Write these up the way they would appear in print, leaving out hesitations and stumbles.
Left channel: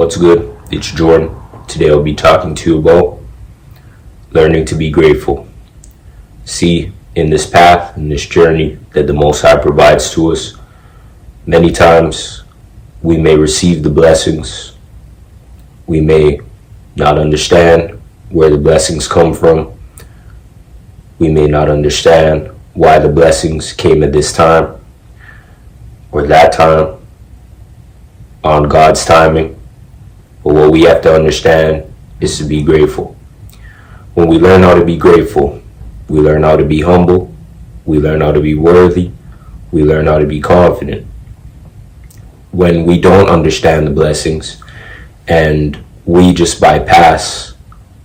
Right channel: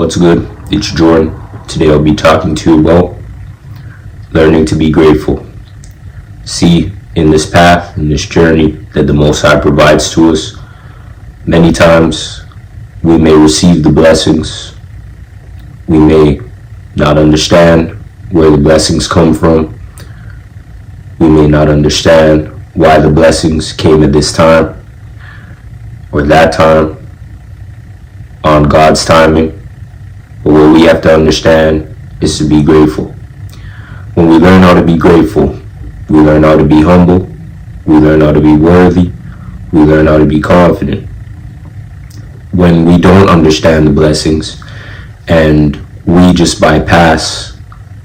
What's good? It's Jordan. Today I'll be talking to you about learning to be grateful. See, in this path, in this journey that the Most High provides to us, many times we may receive the blessings. We may not understand where the blessings come from. We may not understand why the blessings came at this time or that time on God's timing. But what we have to understand is to be grateful. When we learn how to be grateful, we learn how to be humble, we learn how to be worthy, we learn how to be confident. When we don't understand the blessings and we just bypass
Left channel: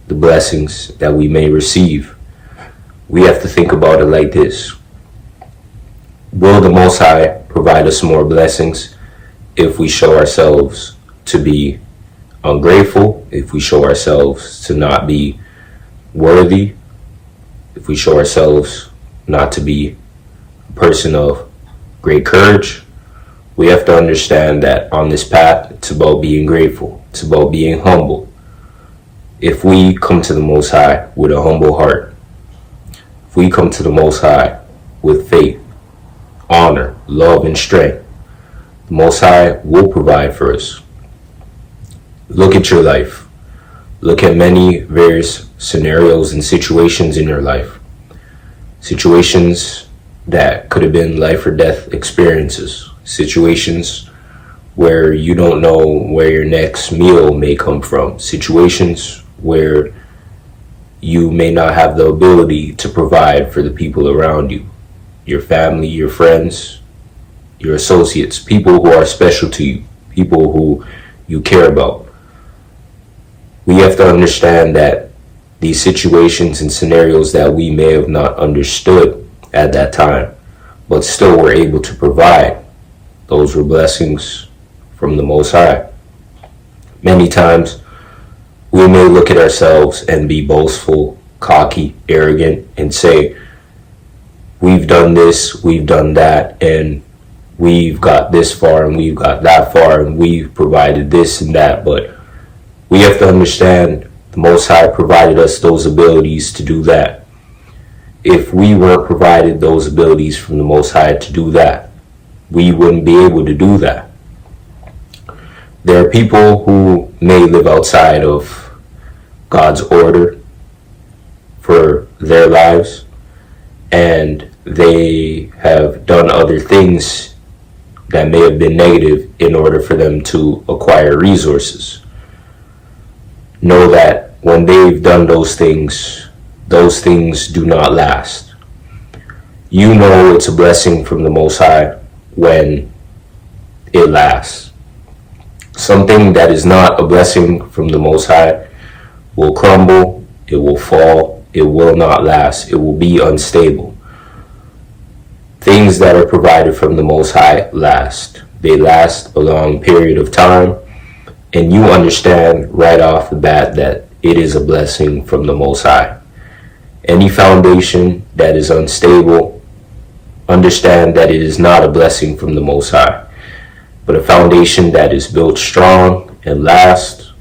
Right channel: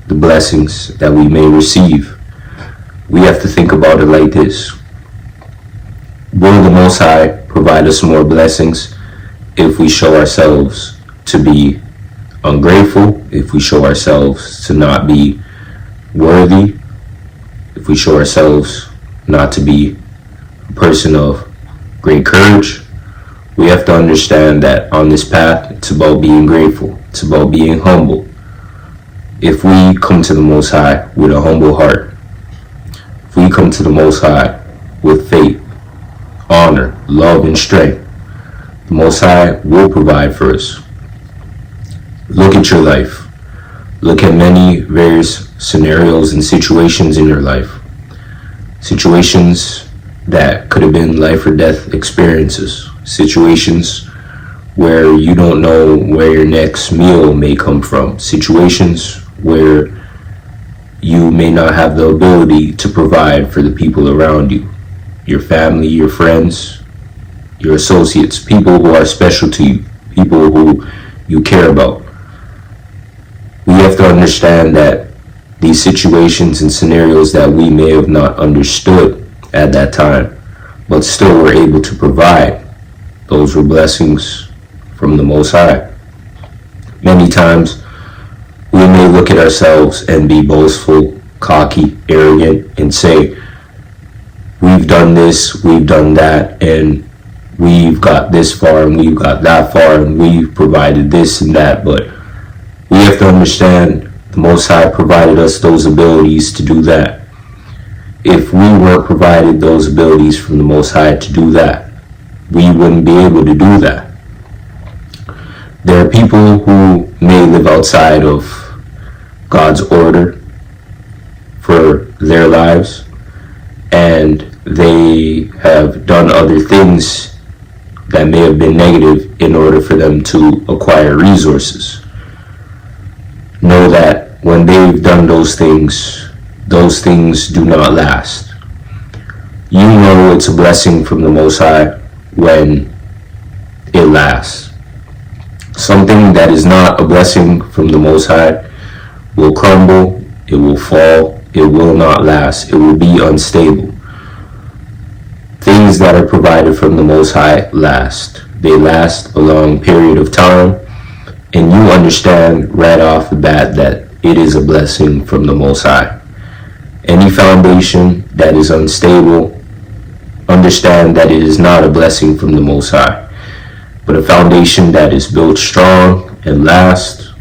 the blessings that we may receive, we have to think about it like this. Will the Most High provide us more blessings if we show ourselves to be ungrateful, if we show ourselves to not be worthy, if we show ourselves not to be a person of great courage? We have to understand that on this path, it's about being grateful. It's about being humble. If we come to the Most High with a humble heart, if we come to the Most High with faith, honor, love, and strength, the Most High will provide for us. Look at your life. Look at many various scenarios and situations in your life. Situations that could have been life or death experiences. Situations where you don't know where your next meal may come from. Situations where you may not have the ability to provide for the people around you. Your family, your friends, your associates, people who are special to you, people who you care about. We have to understand that these situations and scenarios that we may have not understood at that time, but still were able to provide, those were blessings from the Most High. Many times we may look at ourselves and be boastful, cocky, arrogant, and say, we've done this, we've done that, and we've got this far and we've got that far and we've provided this and that. But we have to understand the Most High provided us those abilities to do that. If we weren't provided those abilities from the Most High to do that, we wouldn't be able to do that. There are people who may live outside of God's order for their lives, and they have done other things that may have been negative in order for them to acquire resources. Know that when they've done those things do not last. You know it's a blessing from the Most High when it lasts. Something that is not a blessing from the Most High will crumble, it will fall, it will not last, it will be unstable. Things that are provided from the Most High last. They last a long period of time, and you understand right off the bat that it is a blessing from the Most High. Any foundation that is unstable, understand that it is not a blessing from the Most High. But a foundation that is built strong and lasts,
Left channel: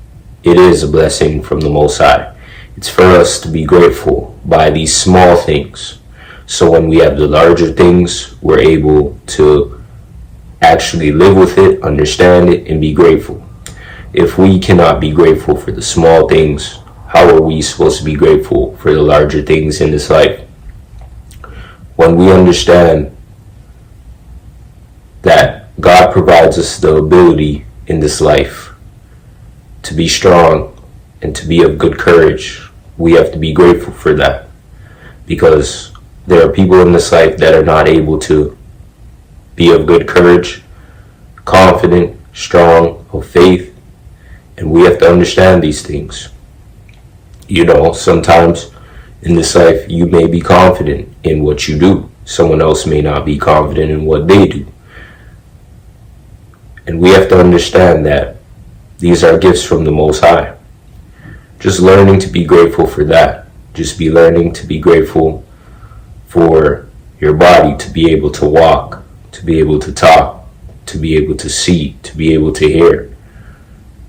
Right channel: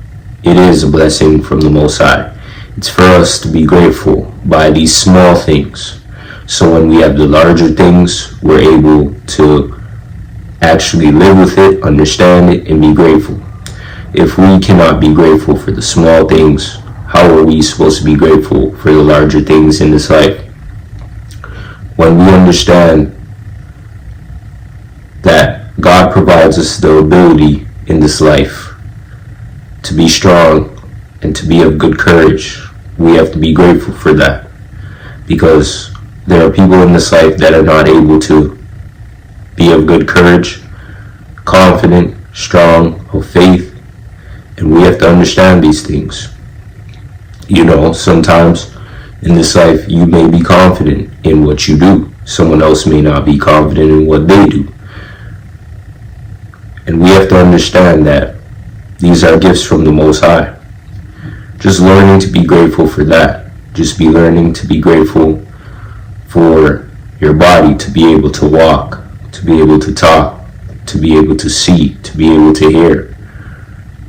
it is a blessing from the Most High. It's for us to be grateful by these small things. So when we have the larger things, we're able to actually live with it, understand it, and be grateful. If we cannot be grateful for the small things, how are we supposed to be grateful for the larger things in this life? When we understand that God provides us the ability in this life to be strong and to be of good courage, we have to be grateful for that. Because there are people in this life that are not able to be of good courage, confident, strong, of faith, and we have to understand these things. You know, sometimes in this life you may be confident in what you do. Someone else may not be confident in what they do. And we have to understand that these are gifts from the Most High. Just learning to be grateful for that. Just be learning to be grateful for your body to be able to walk, to be able to talk, to be able to see, to be able to hear,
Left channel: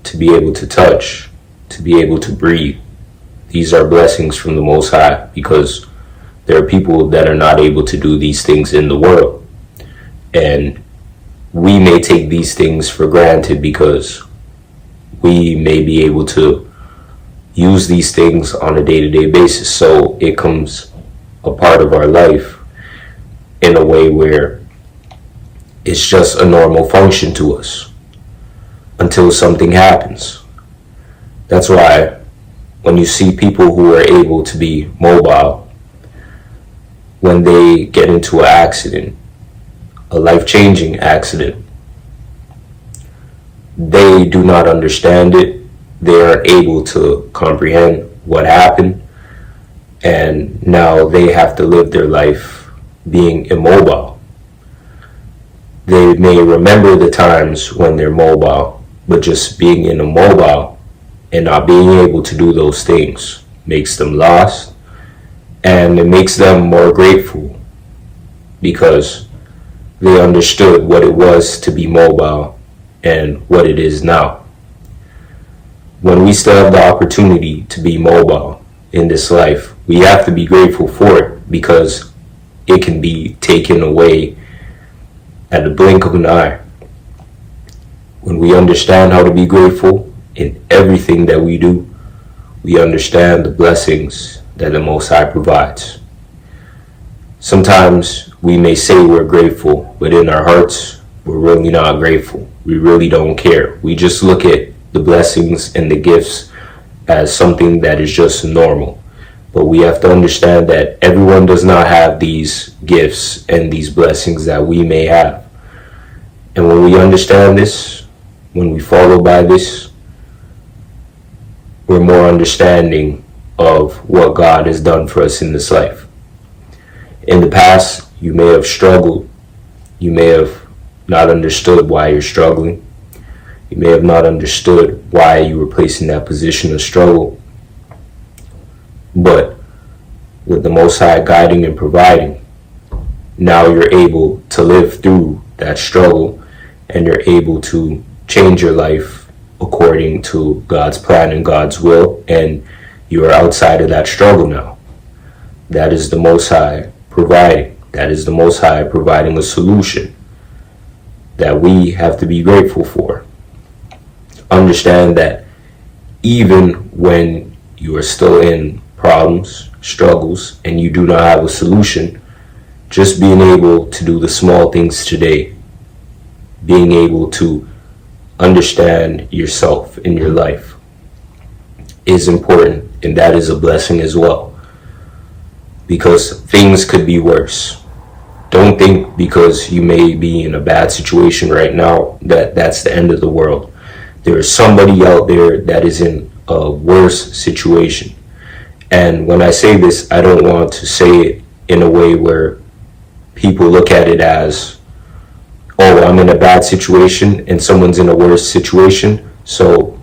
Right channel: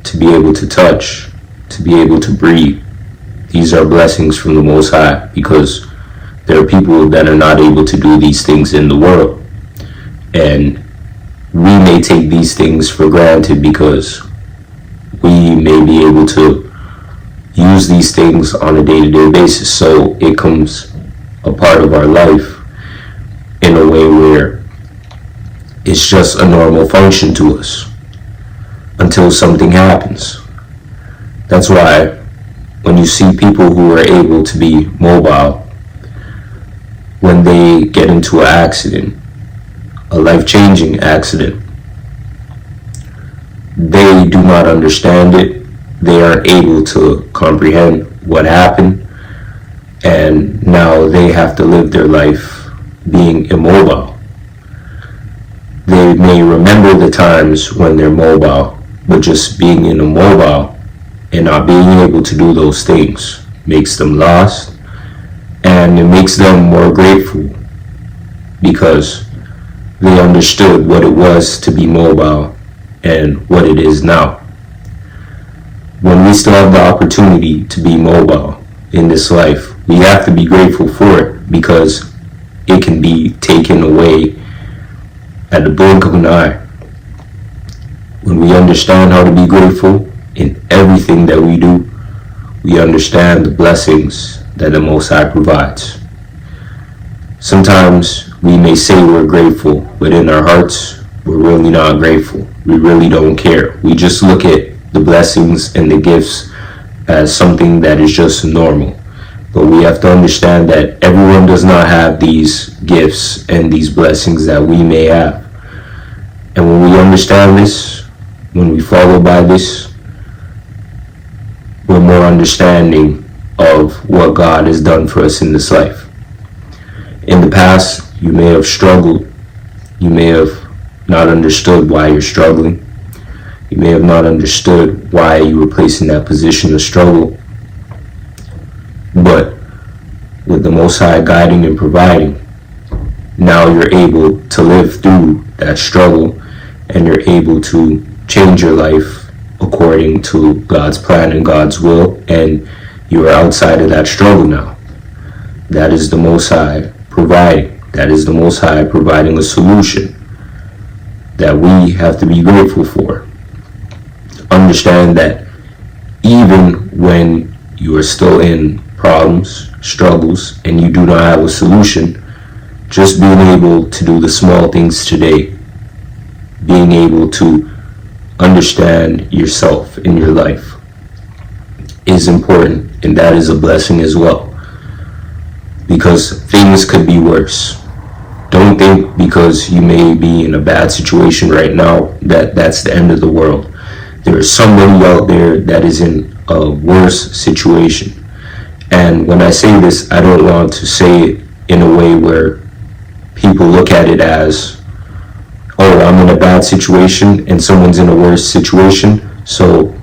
to be able to touch, to be able to breathe. These are blessings from the Most High, because there are people that are not able to do these things in the world. And we may take these things for granted because we may be able to use these things on a day-to-day basis. So it comes a part of our life in a way where it's just a normal function to us until something happens. That's why when you see people who are able to be mobile, when they get into an accident, a life-changing accident, they do not understand it. They aren't able to comprehend what happened, and now they have to live their life being immobile. They may remember the times when they're mobile, but just being immobile and not being able to do those things makes them lost, and it makes them more grateful because they understood what it was to be mobile and what it is now. When we still have the opportunity to be mobile in this life, we have to be grateful for it, because it can be taken away at the blink of an eye. When we understand how to be grateful in everything that we do, we understand the blessings that the Most High provides. Sometimes we may say we're grateful, but in our hearts, we're really not grateful. We really don't care. We just look at the blessings and the gifts as something that is just normal. But we have to understand that everyone does not have these gifts and these blessings that we may have. And when we understand this, when we follow by this, we're more understanding of what God has done for us in this life. In the past, you may have struggled. You may have not understood why you're struggling. You may have not understood why you were placed in that position of struggle. But with the Most High guiding and providing, now you're able to live through that struggle, and you're able to change your life according to God's plan and God's will, and you are outside of that struggle now. That is the Most High providing. That is the Most High providing a solution that we have to be grateful for. Understand that even when you are still in problems, struggles, and you do not have a solution, just being able to do the small things today, being able to understand yourself in your life is important, and that is a blessing as well, because things could be worse. Don't think because you may be in a bad situation right now that that's the end of the world. There is somebody out there that is in a worse situation. And when I say this, I don't want to say it in a way where people look at it as, oh, I'm in a bad situation and someone's in a worse situation, so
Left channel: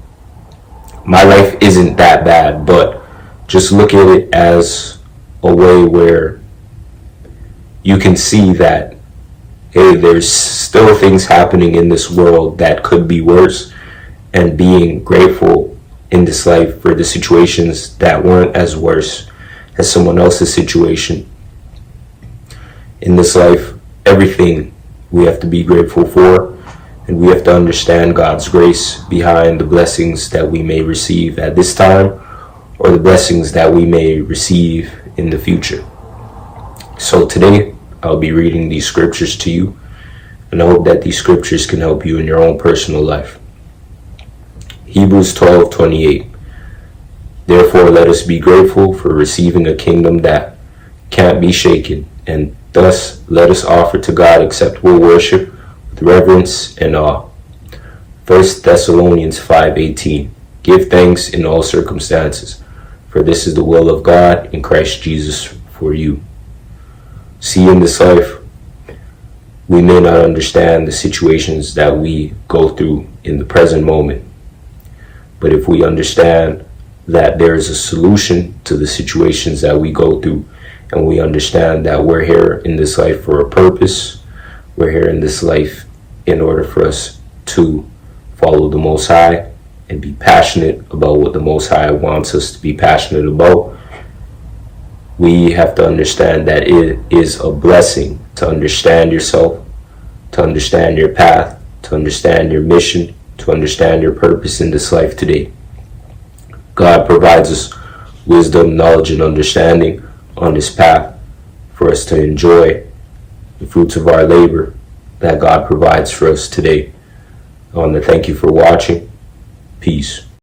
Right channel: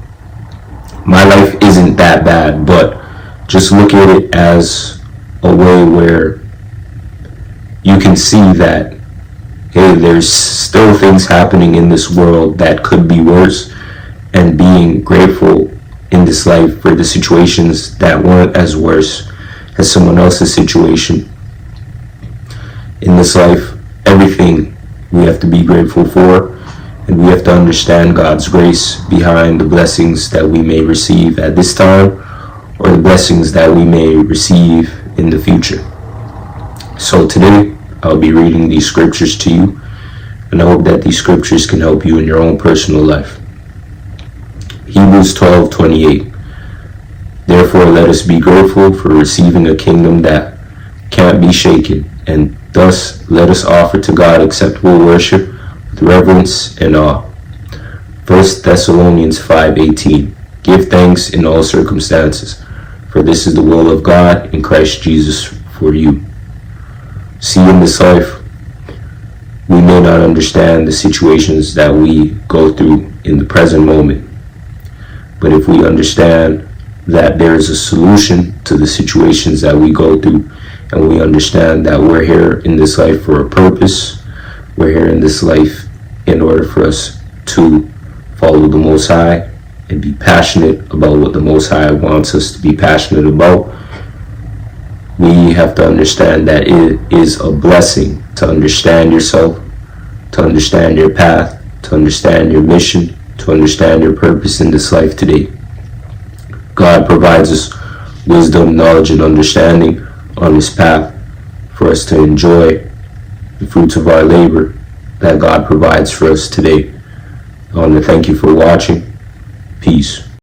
my life isn't that bad. But just look at it as a way where you can see that, hey, there's still things happening in this world that could be worse, and being grateful in this life for the situations that weren't as worse as someone else's situation. In this life, everything we have to be grateful for, and we have to understand God's grace behind the blessings that we may receive at this time, or the blessings that we may receive in the future. So today, I'll be reading these scriptures to you, and I hope that these scriptures can help you in your own personal life. Hebrews 12:28. Therefore, let us be grateful for receiving a kingdom that can't be shaken, and thus let us offer to God acceptable worship with reverence and awe. 1 Thessalonians 5:18. Give thanks in all circumstances, for this is the will of God in Christ Jesus for you. See, in this life, we may not understand the situations that we go through in the present moment. But if we understand that there is a solution to the situations that we go through, and we understand that we're here in this life for a purpose, we're here in this life in order for us to follow the Most High and be passionate about what the Most High wants us to be passionate about, we have to understand that it is a blessing to understand yourself, to understand your path, to understand your mission, to understand your purpose in this life today. God provides us wisdom, knowledge, and understanding on this path for us to enjoy the fruits of our labor that God provides for us today. I want to thank you for watching. Peace.